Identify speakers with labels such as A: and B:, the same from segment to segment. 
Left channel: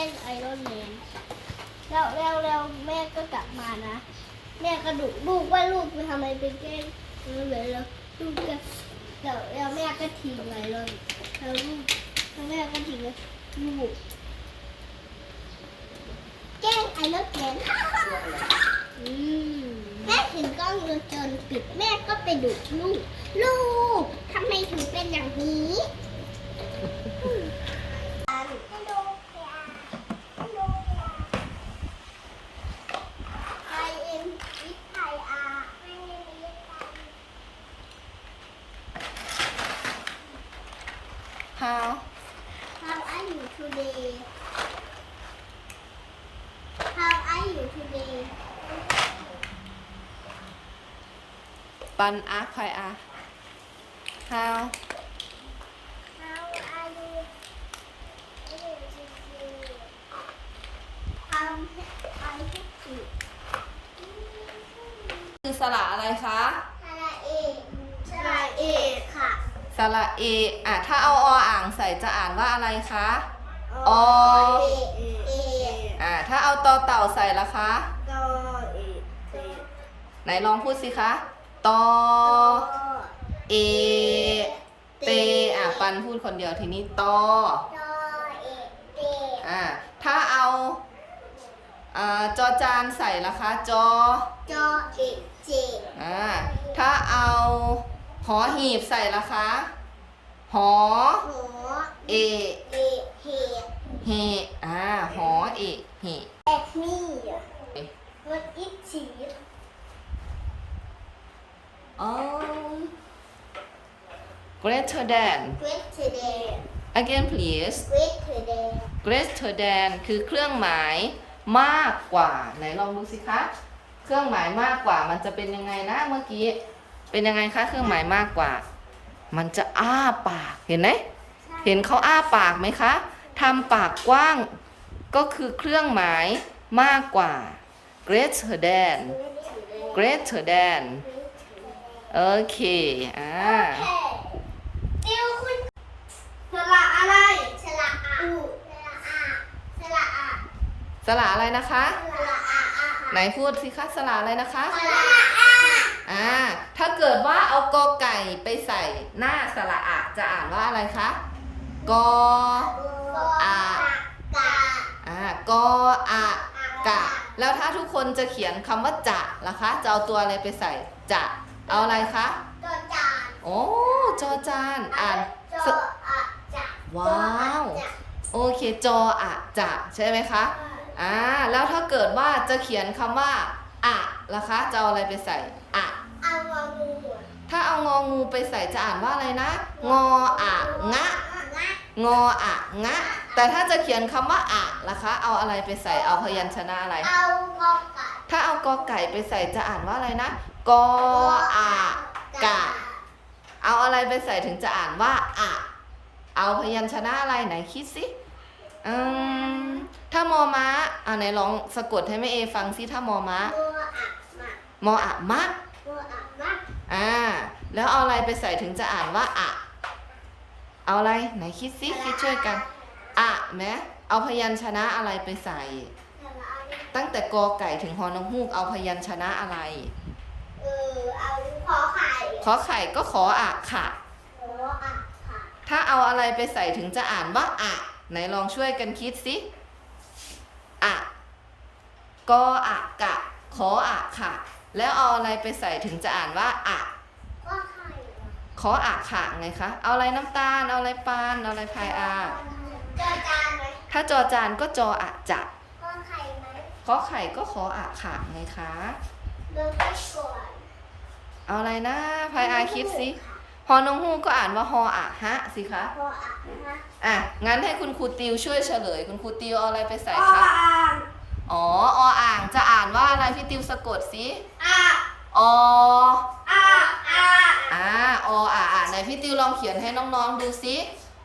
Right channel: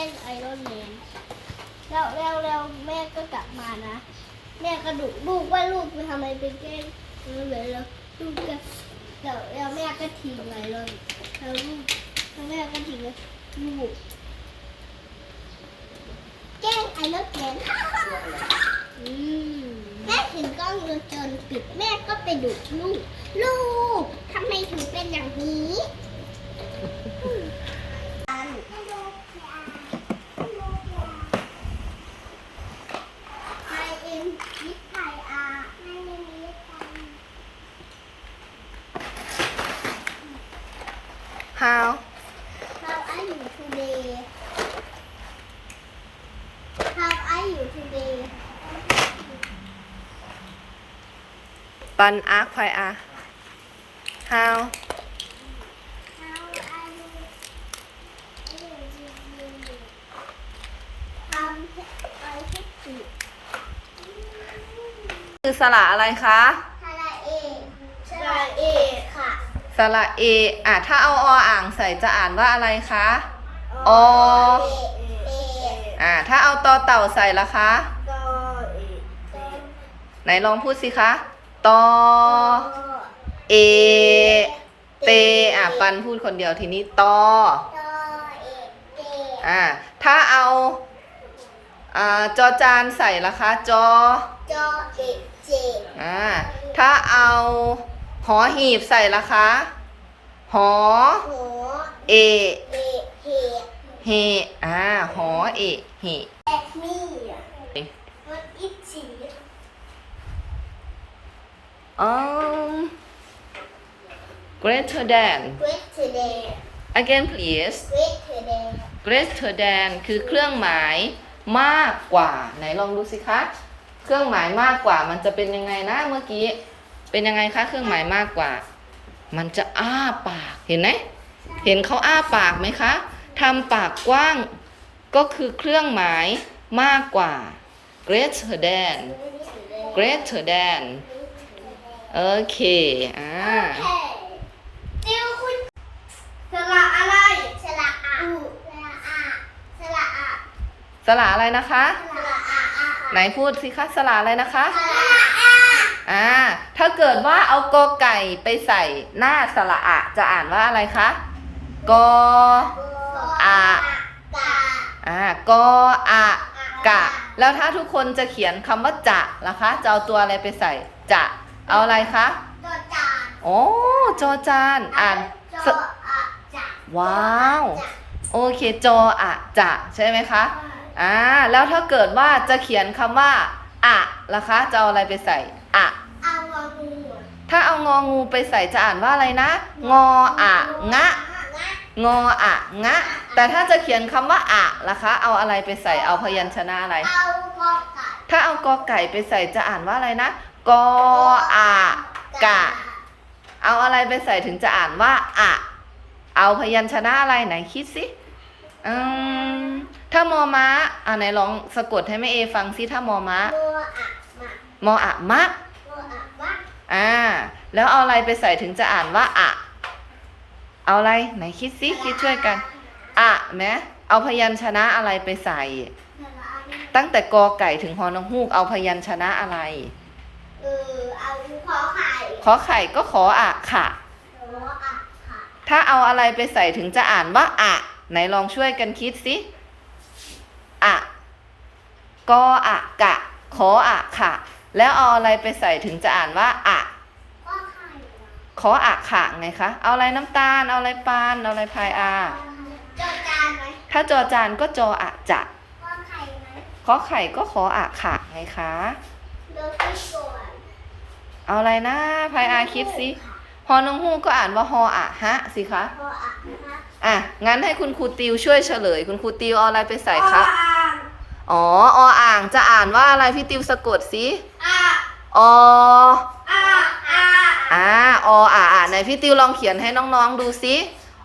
A: ล้งไอรอนแมนแล้วแม่ก็กลับมานะแม่ก็ดุลูกว่าลูกไปทำอะไรไปแกล้งไอรอนแมนแล้วลูกก็แล้วแม่ก็ทิ้งไอรอนแล้วแม่ก็ทิ้งลูกแกล้งไอรอนแมนแม่ถึงกล้องวงจรปิดแม่ก็ไปดุลูกทำไมถึงเป็นอย่างนี้
B: How
A: are you today? How are you today?
B: ปันอาร์คพายอา How
A: How are you today? I hate you.
B: คือสระอะไรคะ
A: สระเอค่ะ
B: สระเอถ้าเอาออ่างใส่จะอ่านว่าอะไรคะอถ้าเอาตอเต่าใส่ละคะไหนลองพูดสิคะตอเอเตปันพูดคนเดียวทีนี้ตอถ้าเอาจอจานใส่ละคะจอเอเจถ้าเอาหอหีบใส่ละคะหอเอเฮหอเอเฮ
A: What is she?
B: Greater than
A: Great today.
B: again please
A: Great today.
B: greater than คือเครื่องหมายมากกว่าไหนลองดูสิคะเครื่องหมายมากกว่ามันจะเป็นยังไงนะเมื่อกี้เป็นยังไงคะเครื่องหมายมากกว่ามันจะอ้าปากเห็นไหมเห็นเขาอ้าปากไหมคะทำปากกว้างก็คือเครื่องหมายมากกว่า greater than greater than โอเค
A: ติวคุณสระอะไรสระอะสระอะ
B: สระอะไรนะคะ
A: สระอะ
B: ไหนพูดสิคะสระอะไรนะคะ
A: สระอะ
B: ถ้าเกิดว่าเอากอไก่ไปใส่หน้าสระอะจะอ่านว่าอะไรคะกออะกออะกะแล้วถ้าทุกคนจะเขียนคำว่าจะล่ะคะจะเอาตัวอะไรไปใส่จะเอาอะไรคะ
A: จอจาน
B: โอ้จอจานอ่าน
A: จออะจะ
B: ว้าวโอเคจออะจะใช่ไหมคะแล้วถ้าเกิดว่าจะเขียนคำว่าอะล่ะคะจะเอาอะไรไปใส่อะ
A: เอางองู
B: ถ้าเอางองูไปใส่จะอ่านว่าอะไรนะงออะงะงออะงะแต่ถ้าจะเขียนคำว่าอะล่ะคะเอาอะไรไปใส่เอาพยัญชนะอะไร
A: เอากอไก่
B: ถ้าเอากอไก่ไปใส่จะอ่านว่าอะไรนะกออะกะเอาอะไรไปใส่ถึงจะอ่านว่าอะเอาพยัญชนะอะไรไหนคิดสิถ้ามอม้าไหนลองสะกดให้แม่เอฟังสิถ้ามอม้ามออะมะแล้วเอาอะไรไปใส่ถึงจะอ่านว่าอะเอาอะไรไหนคิดสิคิดช่วยกันอะไหมเอาพยัญชนะอะไรไปใส่ตั้งแต่กอไก่ถึงฮอนกฮูกเอาพยัญชนะอะไร
A: เอา
B: ขอไข่ก็ขออะค่ะถ้าเอาอะไรไปใส่ถึงจะอ่านว่าอะไหนลองช่วยกันคิดสิอะกออะกะขออะค่ะแล้วเอาอะไรไปใส่ถึงจะอ่านว่าอะขออะค่ะไงคะเอาอะไรน้ำตาลเอาอะไรปานเอาอะไรพายถ้าจอจานก็จออะจะขอไข่ก็ขออะค่ะไงคะเอาอะไรนะพายคิดสิฮอนงฮูกก็อ่านว่าฮออะฮะสิคะงั้นให้คุณครูติวช่วยเฉลยคุณครูติวเอาอะไรไปใส่คะออ่างจะอ่านว่าอะไรพี่ติวสะกดสิอไหนพี่ติวลองเขียนให้น้องๆดูสิ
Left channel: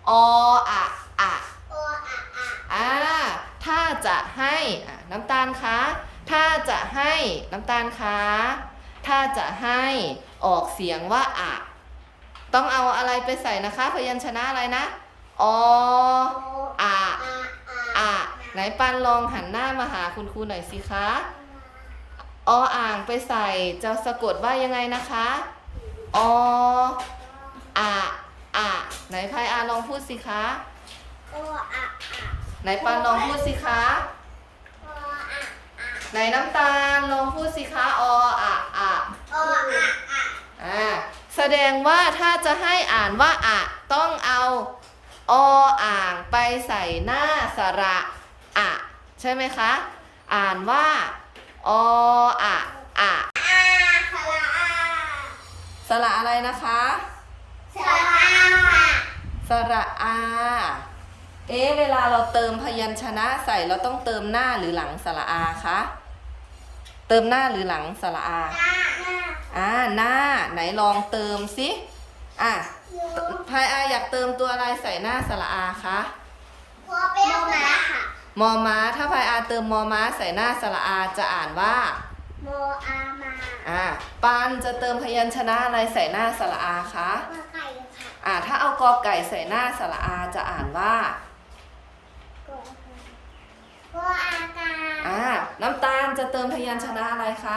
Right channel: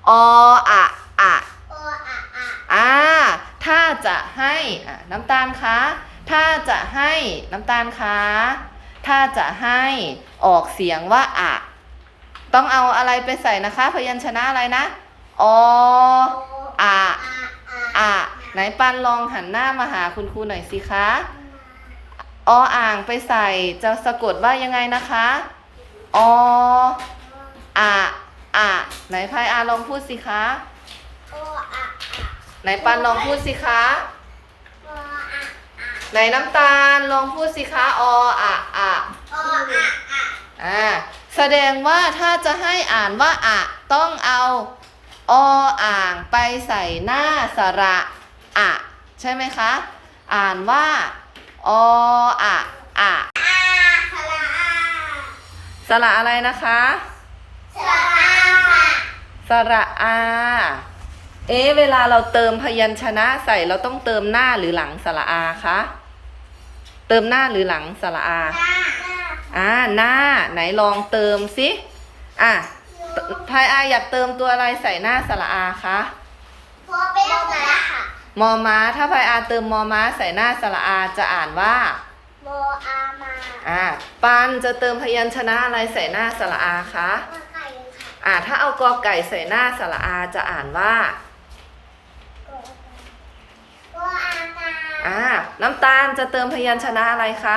B: ถ้าจะให้น้ำตาลคะถ้าจะให้น้ำตาลคะถ้าจะให้ออกเสียงว่าอะต้องเอาอะไรไปใส่นะคะพยัญชนะอะไรนะออะไหนปันลองหันหน้ามาหาคุณครูหน่อยสิคะออ่างไปใส่จะสะกดว่ายังไงนะคะออะอะไหนพายอาลองพูดสิคะ
A: โออะอะ
B: ไหนปันลองพูดสิคะ
A: โออะอะ
B: ไหนน้ำตาลลองพูดสิคะออะอะ
A: โออะอะ
B: แสดงว่าถ้าจะให้อ่านว่าอะต้องเอาออ่างไปใส่หน้าสระอะใช่ไหมคะ อ่านว่าออะอะ
A: อาสระอา
B: สระอะไรนะคะ
A: สระอาค่ะ
B: สระอา เวลาเราเติมพยัญชนะใส่เราต้องเติมหน้าหรือหลังสระอาคะเติมหน้าหรือหลังสระอา หน้าไหนลองเติมสิพายอาอยากเติมตัวอะไรใส่หน้าสระอาคะ
A: พอเป็นโมมาค่ะ
B: มอม้าถ้าพายอาเติมมอม้าใส่หน้าสระอาจะอ่านว่า
A: โมอามา
B: ปันจะเติมพยัญชนะอะไรใส่หน้าสระอาคะ
A: พอไก่ค่ะ
B: ถ้าเอากอไก่ใส่หน้าสระอาจะอ่านว่า
A: โมอากา
B: น้ำตาลจะเติมพยัญชนะอะไรคะ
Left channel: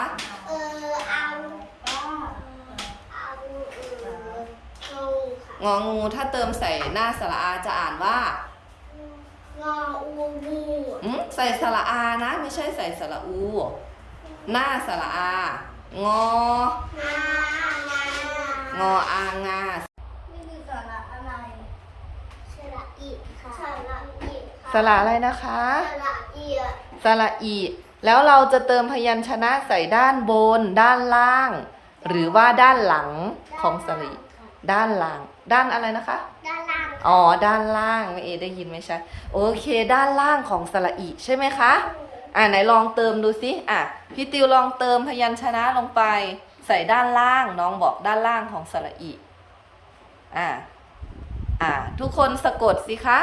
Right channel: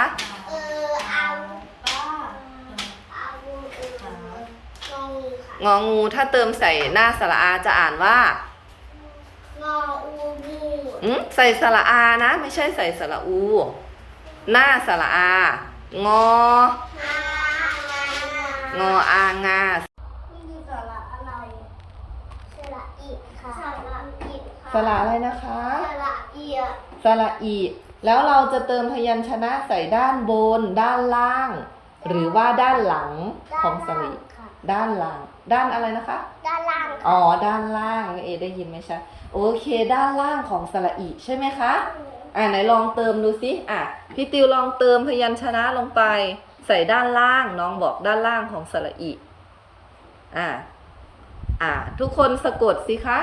A: เอา
B: งองูถ้าเติมใส่หน้าสระอาจะอ่านว่า
A: งออูงู
B: ใส่สระอานะไม่ใช่ใส่สระอู หน้าสระอางอ งออางา
A: นี่คือสระอะไรสระอีค่ะสระอีค่ะ
B: สระอะไรนะคะ
A: สระอี
B: สระอีแล้วเราจะเติมพยัญชนะใส่ด้านบน ด้านล่าง หรือว่าด้านหลังของสระอีด้านหลัง ด้านอะไรนะคะ
A: ด้านล่าง
B: ด้านล่างได้ยินไหมชัดโอเค ด้านล่างของสระอีใช่ไหมคะไหนลองเติมดูสิพี่ติวลองเติมพยัญชนะลงไป ใส่ด้านล่างน้องบอกด้านล่างของสระอีทุกคนสะกดสิคะ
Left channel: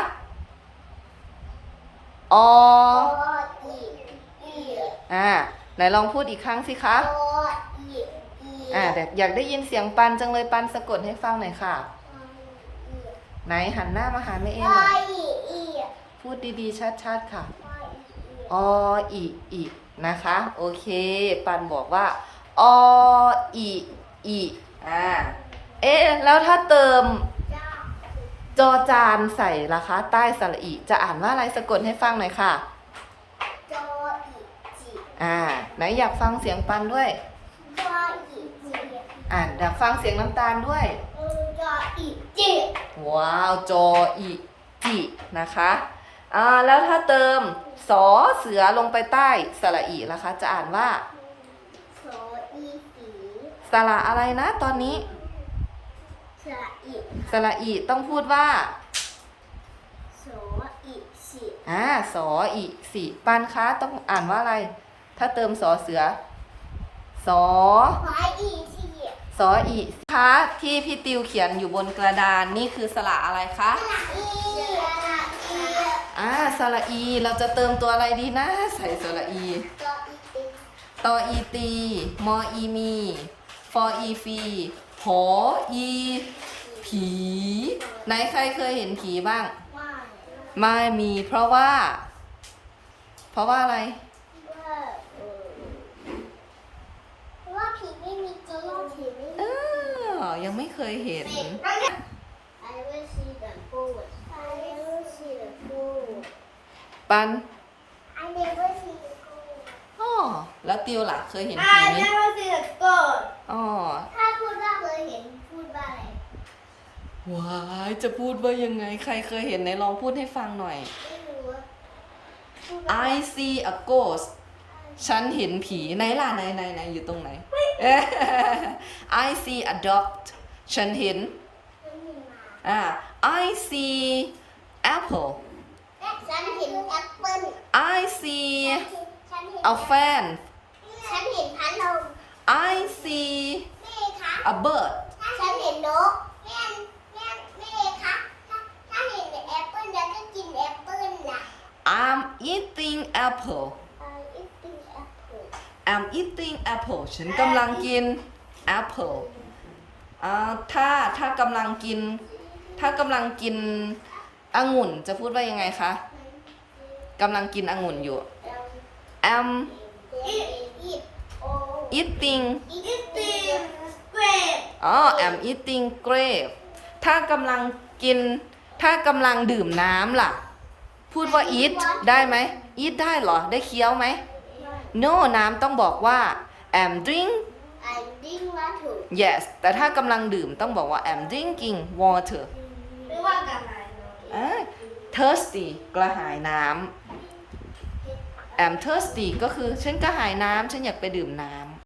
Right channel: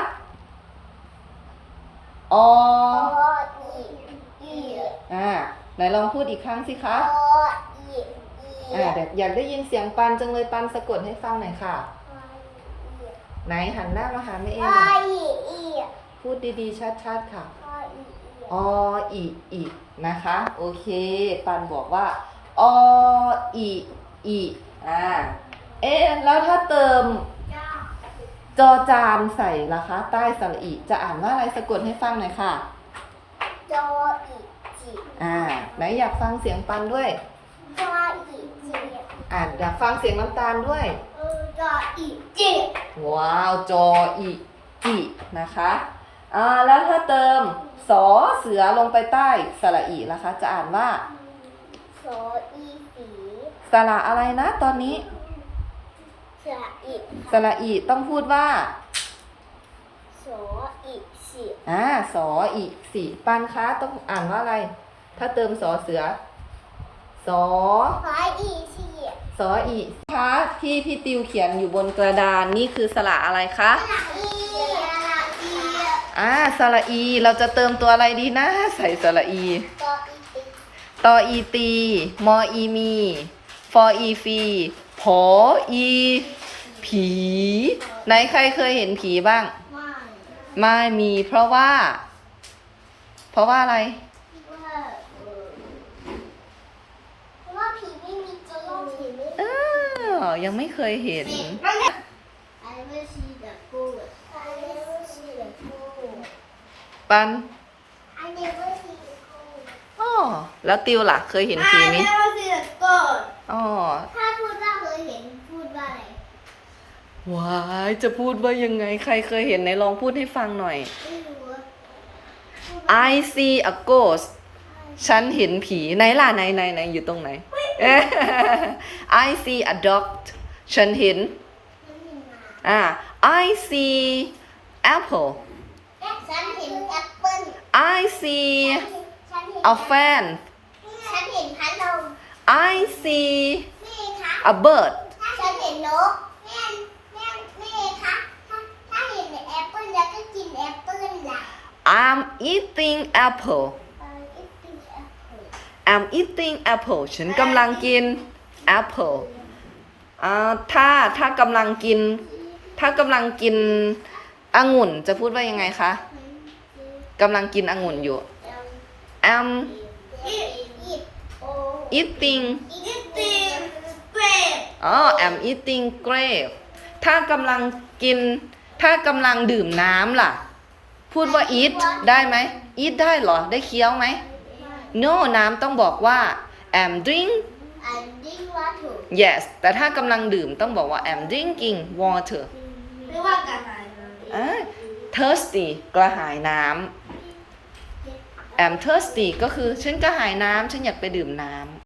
B: อ
A: อีอี
B: ไหนลองพูดอีกครั้งสิคะ
A: โออีอี
B: แต่อยากได้ยินเสียงปันจังเลยปันสะกดให้ฟังหน่อยค่ะ ไหนหันหน้ามาหาแม่เอ็มหน่อย
A: อีอี
B: พูดดีๆชัดๆค่ะ
A: โออีอี
B: อีนะคะโอเคปันบอกว่าออีแล้วถ้าเติม
A: จ้า
B: จอจานใส่ล่ะคะใต้สระอีจะอ่านว่าอะไรสะกดให้ฟังหน่อยค่ะ
A: โจอีจิ
B: ไหนอยากฟังเสียงปันด้วย
A: โจอีจิ
B: อยากฟังเสียงน้ำตาลด้วย
A: โจอีจิ
B: ว้าวจออีจินะคะแล้วถ้าเติมสอเสือลงไปใต้สระอีล่ะคะจะอ่านว่า
A: โสอีสี
B: สระอะไรนะตอนนี้
A: สระอี
B: สระอีต้องพูดว่า
A: โสอีสี
B: สออีสิปันคะต้องอ่านว่าอะไร ถ้าเติมสอเสือสอ
A: ขออีสี
B: สออีคะที่พี่ติวเขียนอยู่บนกระดานนี่คือสระอะไรคะ
A: สระอีสระอี
B: สระอีเราจะเติมตัวอะไรดีนะใส่สระอี
A: โจอีตี
B: ตออีตีมออีมีฟออีฟีผออีผีไหนใครเคยเห็นผีบ้าง ไม่มีเพราะว่าอะไร
A: ว่าผีไม่มีจริงผีไม่
B: ยังไม่เคยเห็น
A: I will see the ghost. I will see the ghost.
B: ปัน
A: I never see the ghost.
B: แล้วติวล่ะ เคยเห็นผีไหม
A: I never see the ghost. ถ้าพูดว่าเคยเห็นพูดว่าอะไร
B: ว้ายจะพูดว่ายังไงใครเคยเห็นไหนลองพูดให้ฟังหน่อย
A: ไม่รู้
B: I see a ghost ฉันเห็นผีไหนล่ะไหนอยู่ตรงไหน I see a dog ฉันเห็น
A: ฉันเห็นหมา
B: I see apple
A: ฉันเห็นแอปเปิ้ล
B: I see
A: ฉันเห็น
B: a fan
A: ฉันเห็นพัดลม
B: I see
A: นี่คะ
B: a bird
A: ฉันเห็นนกนี่คะถ้าเห็นแอปเปิ้ลแล้วก็กินแอปเปิ้ลล่ะ
B: I'm eating apple I'm eating apple ฉันกำลังกิน apple ถ้ากำลังกินองุ่นจะพูดว่ายังไงคะกำลังกินองุ่นอยู่ am eating อ๋อ am eating grape ถ้ากำลังกิน ถ้ากำลังดื่มน้ำล่ะ พูดว่า eat ได้ไหม eat ได้เหรอ ได้เคี้ยวไหม no น้ำต้องบอกว่า am drink yes แต่ถ้ากำลังดื่มต้องบอกว่า am drinking water
A: ไม่ว่ากันอะไรเลย
B: thirsty กระหายน้ำ am thirsty ก็คือฉันกระหายน้ำฉันอยากไปดื่มน้ำ